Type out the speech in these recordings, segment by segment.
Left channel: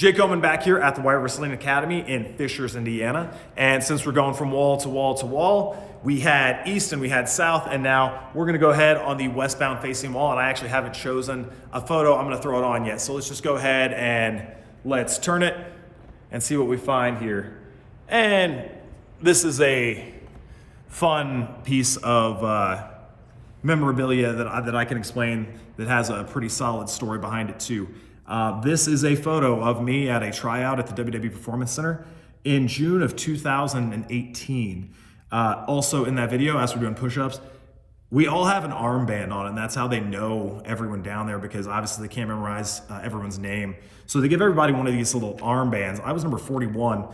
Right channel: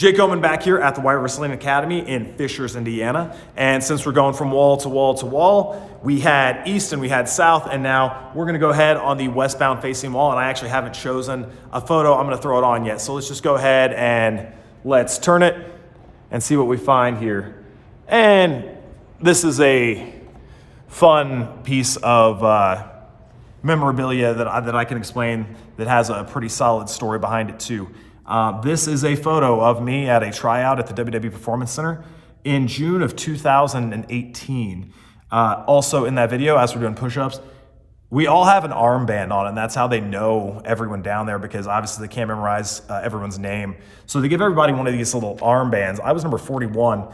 Jake Omen back here at the White Wrestling Academy in Fishers, Indiana. And since we're going from wall to wall to wall, we had east and we had south, and now we're gonna go ahead on the westbound facing wall, and I actually haven't chosen a photo I'm gonna throw it on yet. So let's just go ahead and let's turn it and see what we find here. And this is a fun piece of memorabilia that I can explain that has a pretty solid story behind it too. This is a photo of me at a tryout at the WWE Performance Center in June of 2018. Also in that video, as we're doing push-ups, we all have an armband on, and that's how they know everyone down there, because obviously they can't memorize everyone's name. So they give everybody one of these little armbands. I was number 41.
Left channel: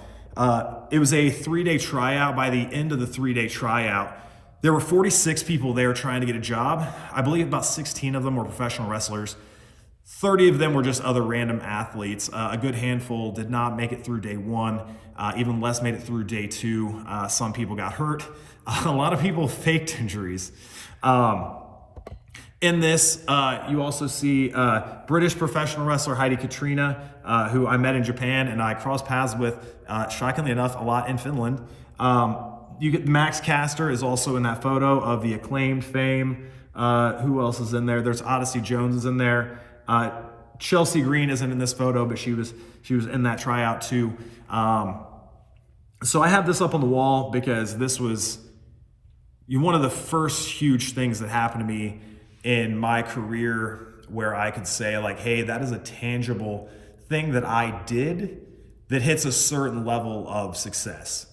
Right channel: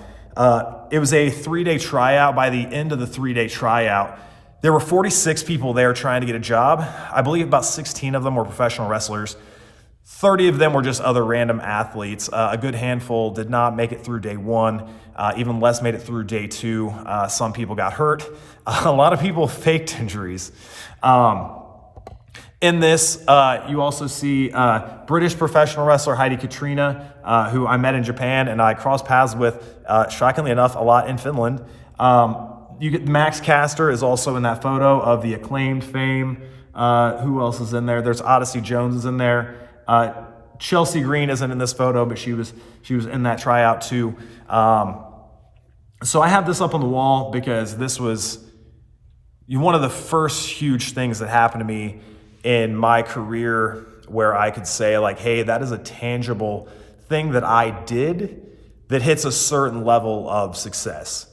It was a 3-day tryout. By the end of the 3-day tryout, there were 46 people there trying to get a job. I believe about 16 of them were professional wrestlers. 30 of them were just other random athletes. A good handful did not make it through day one. Even less made it through day two. Some people got hurt. A lot of people faked injuries. In this, you also see British professional wrestler Heidi Katrina, who I met in Japan and I crossed paths with, shockingly enough, a lot in Finland. You get Max Caster is also in that photo of the Acclaimed fame. Who else is in there? There's Odyssey Jones is in there. Chelsea Green isn't in this photo, but she was in that tryout too. So I have this up on the wall because this was one of the first huge things that happened to me in my career, where I could say like, hey, that is a tangible thing that I did that hits a certain level of success.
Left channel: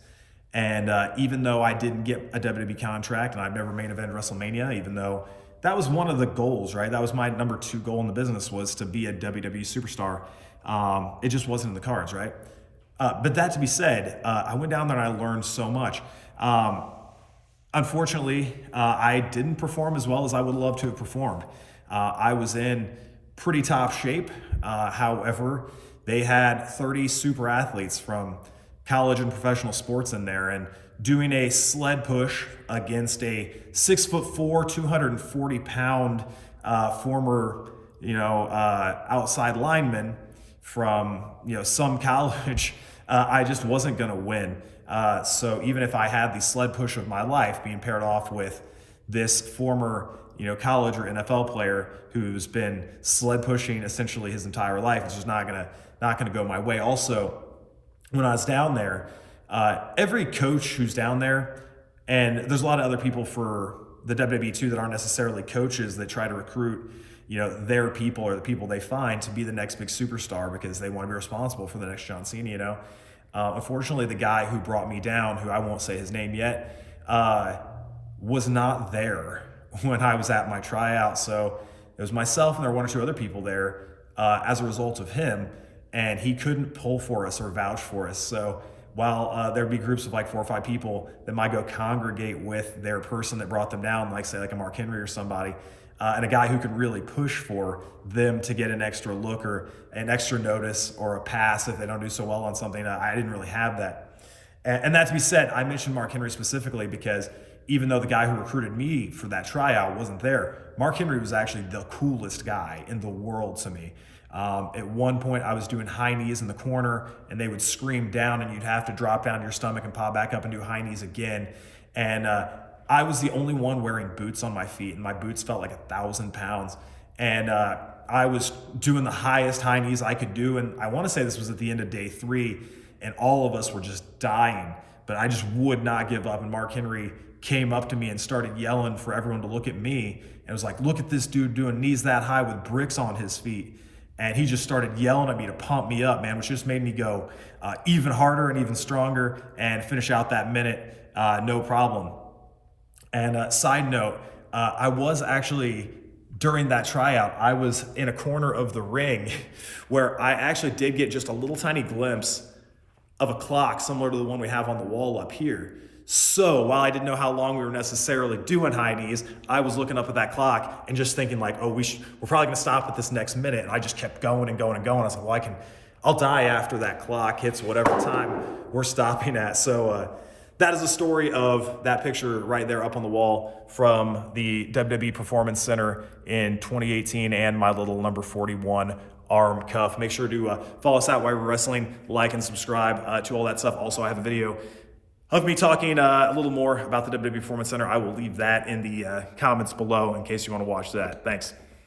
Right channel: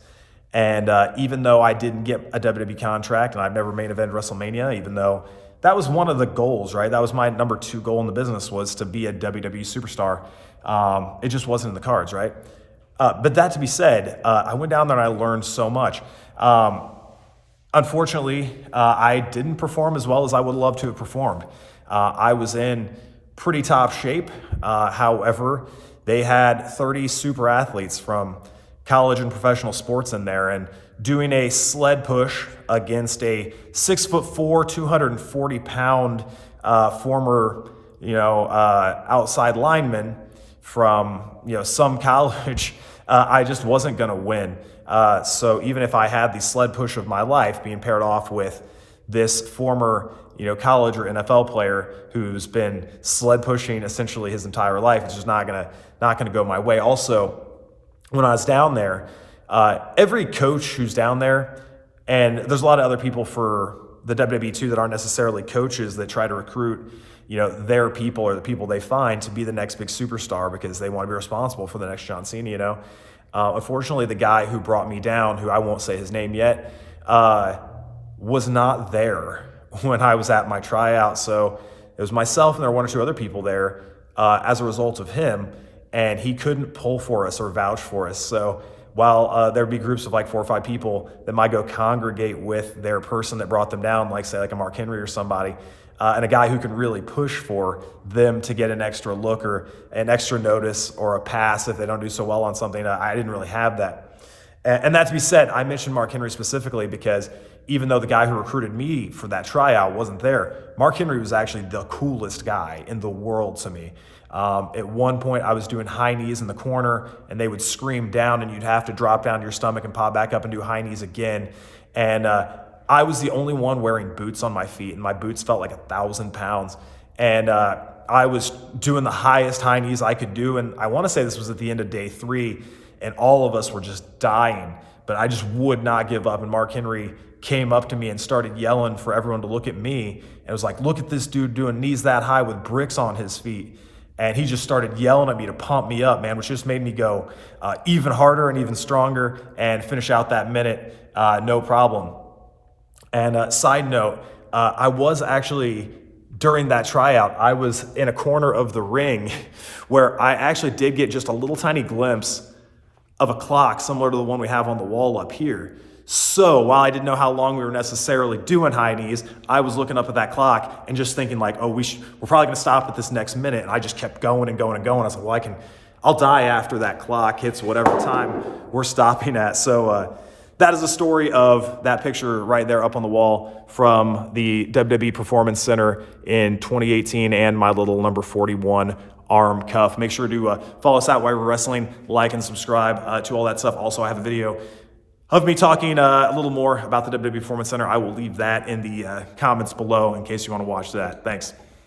And even though I didn't get a WWE contract and I've never main evented WrestleMania, even though that was one of the goals, right? That was my number 2 goal in the business, was to be a WWE superstar. It just wasn't in the cards, right? But that to be said, I went down there and I learned so much. Unfortunately, I didn't perform as well as I would love to have performed. I was in pretty top shape. However, they had 30 super athletes from college and professional sports in there, and doing a sled push against a 6'4", 240-pound former, outside lineman from some college, I just wasn't going to win. So even if I had the sled push of my life, being paired off with this former college or NFL player who's been sled pushing essentially his entire life, it's just not gonna go my way. Also, when I was down there, every coach who's down there, and there's a lot of other people for the WWE too that aren't necessarily coaches that try to recruit, their people or the people they find to be the next big superstar because they want to be responsible for the next John Cena. Unfortunately, the guy who brought me down, who I won't say his name yet, was not there when I was at my tryout. So it was myself and there were 1 or 2 other people there as a result of him, and he couldn't pull for us or vouch for us. So while there'd be groups of like 4 or 5 people that might go congregate with their person that brought them down, like say like a Mark Henry or somebody, and a guy who can really push for them to get an extra look or an extra notice or a pass if they don't do so well on something, I didn't really have that. And that to be said, I mentioned Mark Henry specifically because even though the guy who recruited me for that tryout wasn't there, Mark Henry was actually the coolest guy in the world to me. At one point I was doing high knees in the corner and they would scream down and you'd have to drop down to your stomach and pop back up and do high knees again. And I was the only one wearing boots on my feet, and my boots felt like 1,000 pounds. And I was doing the highest high knees I could do. And I want to say this was at the end of day 3, and all of us were just dying, but I just would not give up. And Mark Henry came up to me and started yelling for everyone to look at me. And it was like, look at this dude doing knees that high with bricks on his feet. And he just started yelling at me to pump me up, man, which just made me go even harder and even stronger and finish out that minute, no problem. And side note, I was actually, during that tryout, I was in a corner of the ring where I actually did get just a little tiny glimpse of a clock similar to the one we have on the wall up here. So while I didn't know how long we were necessarily doing high knees, I was looking up at that clock and just thinking like, oh, we're probably gonna stop at this next minute. And I just kept going and going and going. I was like, well, I'll die after that clock hits whatever time we're stopping at. So that is a story of that picture right there up on the wall from the WWE Performance Center in 2018 and my little number 41 arm cuff. Make sure to follow us out while we're wrestling, like and subscribe to all that stuff. Also, I have a video of me talking a little more about the WWE Performance Center. I will leave that in the comments below in case you want to watch that. Thanks.